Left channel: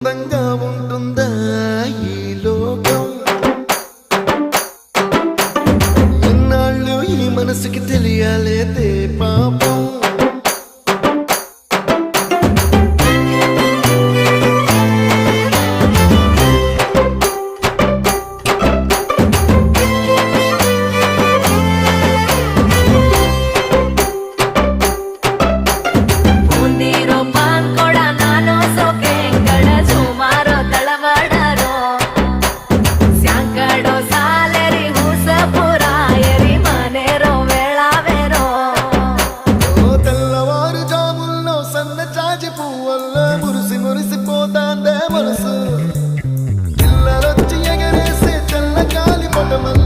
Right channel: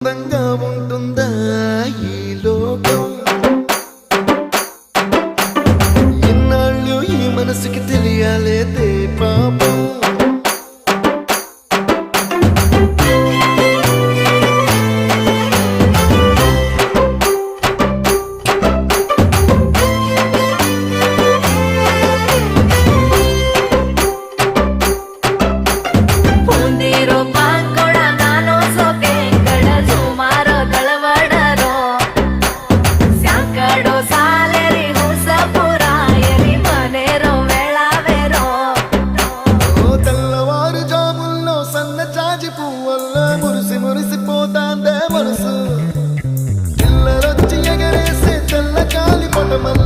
అందంగా ఉంటుందా ఈ లోకం? ఇన్నాళ్ళు ఈ మనసుకి తెలియాలేదే పాపం. జాజి పువ్వల్ల మురిసి మురిసిపోతాందే మనసు, పిల్లలొచ్చి ఎగరేసే తెల్ల కాలి పటమల్ల